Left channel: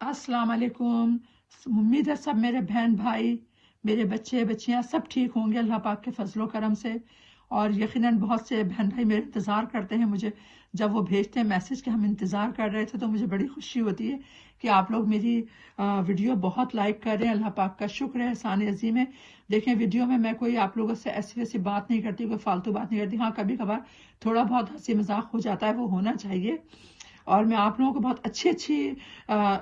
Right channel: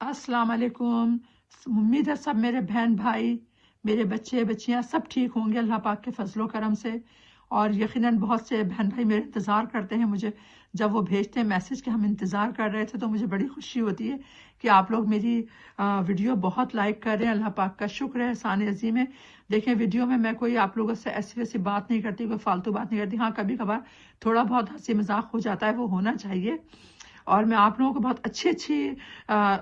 अस्सलाम वालेकुम। उम्मीद है सब मेरे बहन भाई, मेरे बच्चे बच्चियां सब ठीक होंगे अल्लाह पाक के फजलो करम से। और यकीनन बहुत से बहन भाई मेरे इंतज़ार करते हैं मुझे, जब वो भेजते हैं मैसेज कि हम इंतज़ार कर रहे थे, तो मुझे बड़ी खुशी होती है कि आप लोग मेरी वीडियो बहुत लाइक कर रहे हैं। अल्लाह पाक का शुक्र है, एहसान अज़ीम है। देखें, वीडियो में मैं कोई आप लोगों से ऐसी वैसी बात नहीं करती, कोई फालतू बात नहीं करती। हाँ, कभी कभार थोड़ा बहुत हंसी मजाक हो जाता है, वो होना चाहिए। और मैं आप लोगों को बहुत अच्छी अच्छी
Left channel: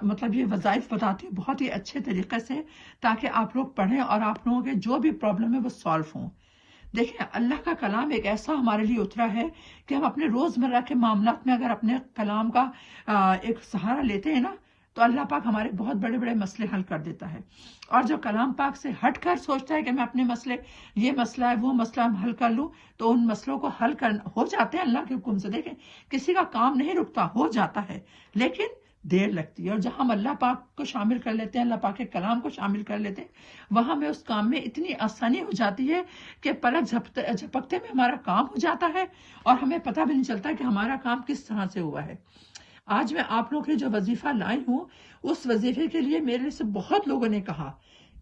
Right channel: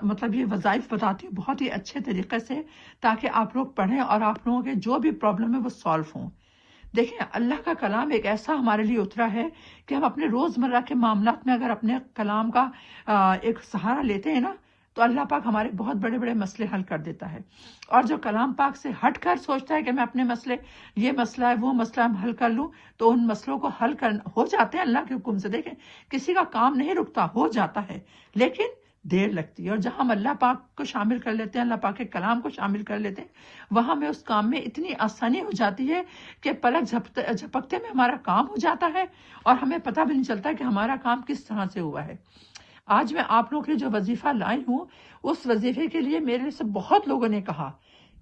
मतलब ये वज़ाइफ बताती हूँ बहुत ही अच्छे तरीके से, ताकि आप लोग पढ़ें और आप लोगों के जो भी प्रॉब्लम है वो सॉल्व हों। देखिए, अल्लाह का कलाम एक ऐसा हमारे लिए उतरा है कि हम अपने रोजमर्रा के मामलात में अगर अपने कलाम का एक सहारा लेते हैं ना, तो अल्लाह पाक हमारे बहुत बड़े बड़े मसले हल कर देता है। और जो कलाम पाक से हट कर सोचता है कि मैं अपने मसले, ये मसला है वो मसला हम हल कर लूं, तो उन मसलों को हल कर हो जाते हैं अल्लाह के हुक्म से। देखें, किसी का काम नहीं रुकता, हो जाता है, लेकिन देर लगती है। और जहां हम अल्लाह पाक को शामिल कर लेते हैं, अल्लाह पाक के कलाम को शामिल कर लेते हैं, वहां में उस काम में इतनी आसानी हो जाती है कि पलक झपकते में हमारा काम हो जाता है और हमें पता भी नहीं चलता कि हमारा काम किस तरह से हुआ है। आज मैं आप लोगों के लिए जो वजीफा लाई हूँ, उस वजीफे के लिए मेरे से बहुत लोगों ने कहा।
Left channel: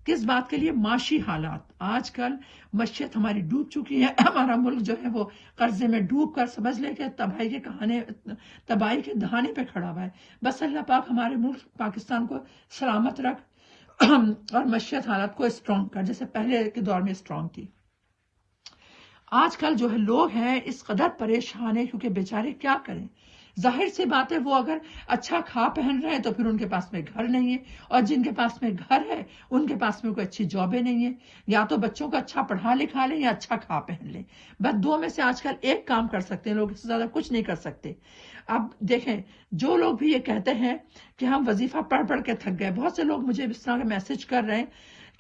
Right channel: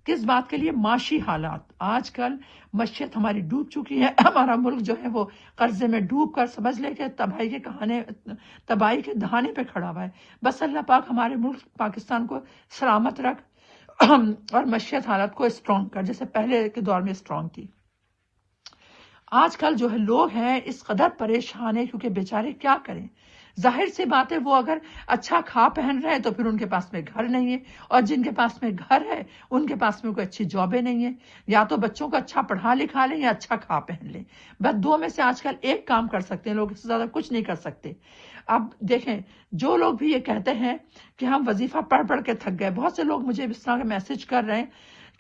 किस बात के लिए? माशी हालात। आजकल मशीयत हमारी डूब चुकी है, हमारा मुल्क जो है वो कर्जे में डूब कर समझ ले के तबाही के दहाने पे खड़ा हुआ है। बस अल्लाह पाक हमारे मुल्क पाकिस्तान को सलामत रख और मशीयत हालात को स्ट्रॉन्ग कर, जैसे पहले के दौर में स्ट्रॉन्ग थी। आजकल जो है लोग हैं इस कदर परेशान है, क्योंकि बेचारे क्या करें। जाहिर सी बात है, वो अगर अच्छा खा पहन रहे हैं तो फिर उनके पास में घर नहीं है, और जिनके पास में घर है उनके पास में कोई अच्छी जॉबें नहीं है। या तो बच्चों को अच्छा पढ़ा लिखा लें या अच्छा खा पहन लें, बस दो में से आजकल एक काम कर सकते हैं लोग, इससे ज्यादा कुछ नहीं कर सकते। अब देखें, जो लोग भी ये कहते हैं कि हम वजीफा पढ़ पढ़ के थक गए, बहुत से लोग मुझे इस तरह के मैसेज कर रहे हैं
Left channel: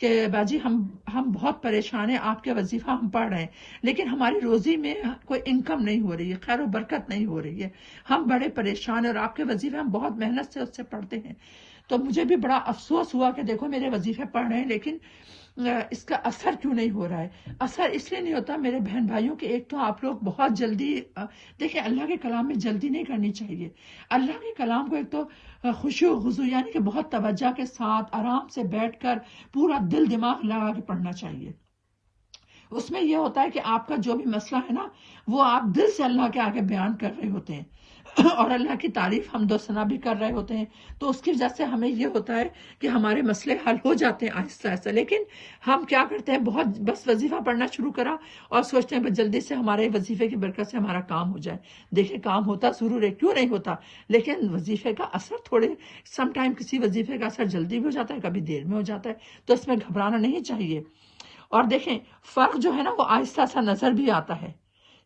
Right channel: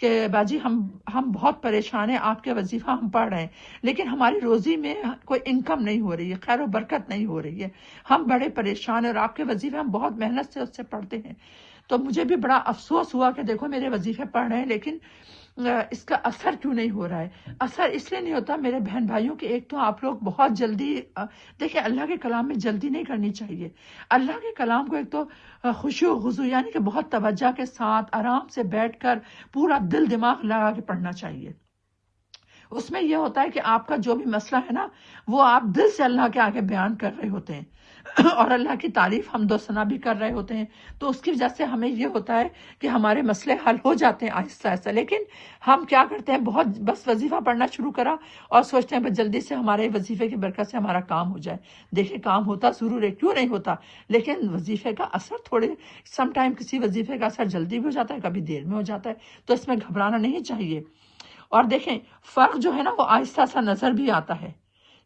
कि बाजी हम बहुत परेशान हैं, आपके वजीफा हम पढ़ रहे हैं, लेकिन हमारी रोजी में कोई इनकम नहीं हो रही है, खैर बरकत नहीं हो रही है, हम बड़े परेशान हैं और आपके वजीफे हम बहुत मेहनत से उससे पढ़ते हैं। तो मुझे भी बड़ा अफसोस हुआ कि देखो मेरे वजीफे पढ़ रहे हैं, लेकिन इसका असर क्यों नहीं हो रहा है। असर इसलिए नहीं होता मेरे बहन भाइयों के, एक तो आप लोग बहुत जल्दी देखिए, अल्लाह के कलाम में जल्दी नहीं करनी चाहिए। अल्लाह के कलाम को एक तो खुशी हुजू यानी कि बहुत तवज्जो के साथ आराम से बैठकर पूरा दिल दिमाग लगा के पढ़ना चाहिए। उसमें यह होता है कि आपका जो भी मसला है ना, वो आप दिल से अल्लाह के आगे बयान कर रहे होते हैं और अल्लाह की तारीफ हमदो सना भी कर रहे होते हैं। तो उसकी वजह से हमें ये होता है कि हमारे मसले हल हो जाते हैं आहिस्ता आहिस्ता। लेकिन हम क्या करते हैं, बहुत बस वजीफा पढ़ना शुरू करा और सोचते हैं बस जल्दी से हमारे वजीफे की बरकत से हमारा काम हो जाए। देखिए, काम होता जरूर है, क्यों नहीं होता, लेकिन वजीफे का असर थोड़े समटाइम किसी वजीफे का असर जल्दी भी हो जाता है, कभी देर में हो जाता है, तो इसमें घबराना नहीं चाहिए। और देखें, फर्क जो है ना वो आहिस्ता सा नजर भी आता है।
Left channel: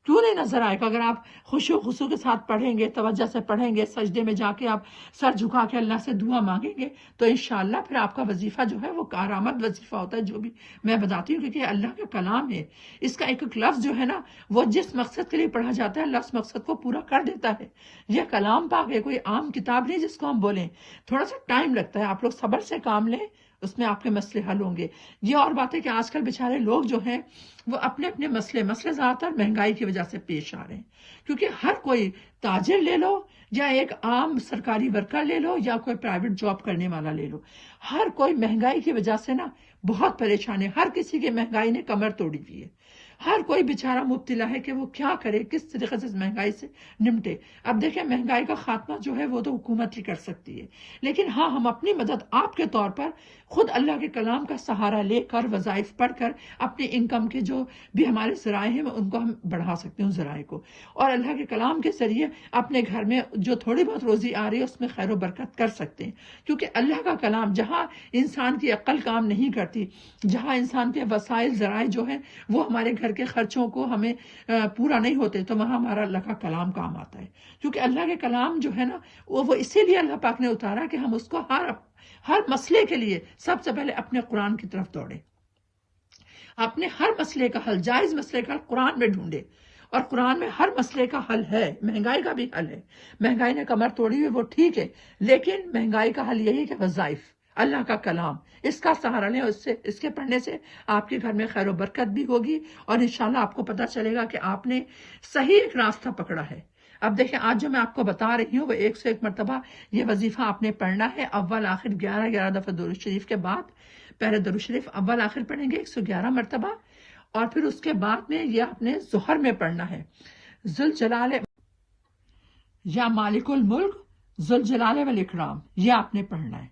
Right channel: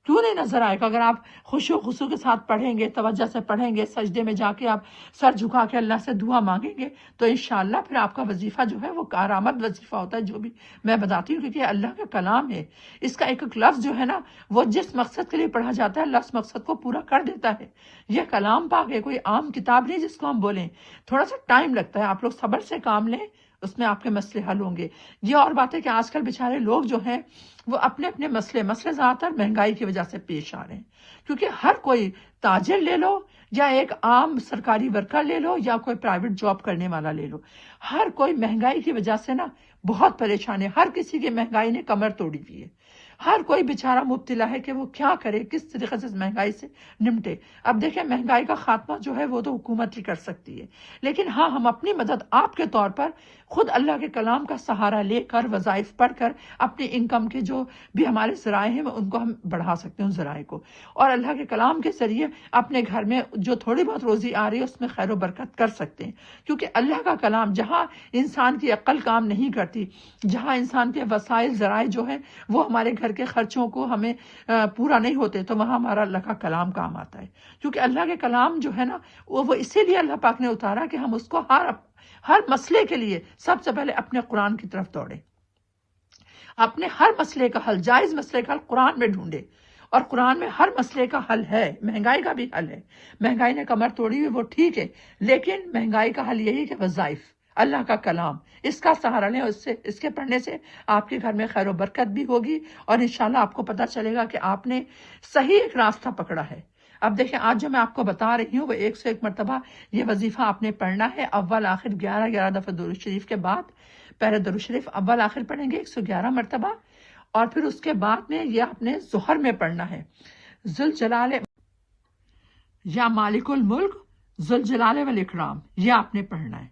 क्यों नहीं नजर आएगा? अगर आप खुशो खुशू के साथ पढ़ेंगे, तवज्जो से पढ़ेंगे, सजदे में जाके आप सर झुका के अल्लाह से दुआ मांगेंगे, तो इंशाअल्लाह फिर आपका वजीफा जो है वो कारामद वजीफा होता है। जो भी मैं बताती हूँ, क्योंकि अल्लाह का कलाम है, इसका एक एक लफ्ज जो है ना, वो जिस मकसद के लिए पढ़ा जाता है, अल्लाह उस मकसद को पूरा कर देता है। यह कलाम पाक है, कोई आम किताब नहीं जिसको हम बोलें। थोड़ा सा टाइम लगता है, आप लोग सब्र से काम लें, उसमें आपके मसले हल होंगे। ये और बात है कि आजकल बेचारे लोग जो हैं वो अपने अपने मसले ज्यादातर महंगाई की वजह से पेश आ रहे हैं। क्योंकि हर कोई, ताजिर ले लो या एक आम सरकारी वर्कर ले लो या कोई प्राइवेट जॉब करने वाला ले लो, हर कोई महंगाई की वजह से ना बहुत परेशान है। हर किसी की महंगाई ने कमर तोड़ी दी है। हर कोई बेचारा मुब्तला है कि वो क्या करे, किस तरीके से महंगाई से निपटे। अब देखें, महंगाई का खात्मा जो है वो तो हुकूमत ही कर सकती है, लेकिन हाँ, हम अपनी मदद आपके तौर पर खुद अल्लाह के कलाम का सहारा लेकर, वज़ाइफ पढ़कर अपनी इनकम के जो भी हमारे ज़राए हैं उनको हम बढ़ा सकते हैं, उन ज़राए को। और अल्लाह के कलाम के जरिए अपने घर में जो थोड़ी बहुत रोजी आ रही है उसमें खैर बरकत कर सकते हैं। क्योंकि अल्लाह का कलाम, जहाँ इंसान की अक्ल काम नहीं करती, जहाँ इंसान के वसाइल ज़राए जो है वो हमारे घर के खर्चों को हमें पूरा नहीं होते, तो वहाँ हमारा अल्लाह का कलाम काम आता है। क्योंकि अल्लाह के कलाम जो है ना, वो इसीलिए अल्लाह पाक ने उतारा कि हम उसको हर मसले के लिए सबसे पहले अपने कुरान की तरफ दौड़े, अपने हर मसले का हल, जायज मसले का हल कुरान में ढूंढे। और कुरान में हर मसले का हल है, महंगाई का भी हल है। महंगाई ने कमर तोड़ी हुई, वो ठीक है, लेकिन महंगाई का हल यही कि वज़ाइफ, अल्लाह का कलाम, इसका सहारा लें। उससे, इसके पढ़ने से आपके घर में खैर बरकत भी होगी और इंशाल्लाह आपको पता चलेगा कि आपने सही एक रास्ता पकड़ा है। اب دیکھیں آج جو میں آپ کو بتا رہی ہوں وہ 101 مرتبہ یہ وظیفہ آپ نے پڑھنا ہے، اول آخر 11 دفعہ درود شریف کے بعد پہلے درود شریف اول آخر پڑھیں گے 111 مرتبہ، اور پھر اس کے بعد میں یہ آپ نے ظہر میں پڑھنا ہے ذوالجلال یا مالک الملک ذوالجلال والاکرام، یہ آپ نے پڑھنا ہے۔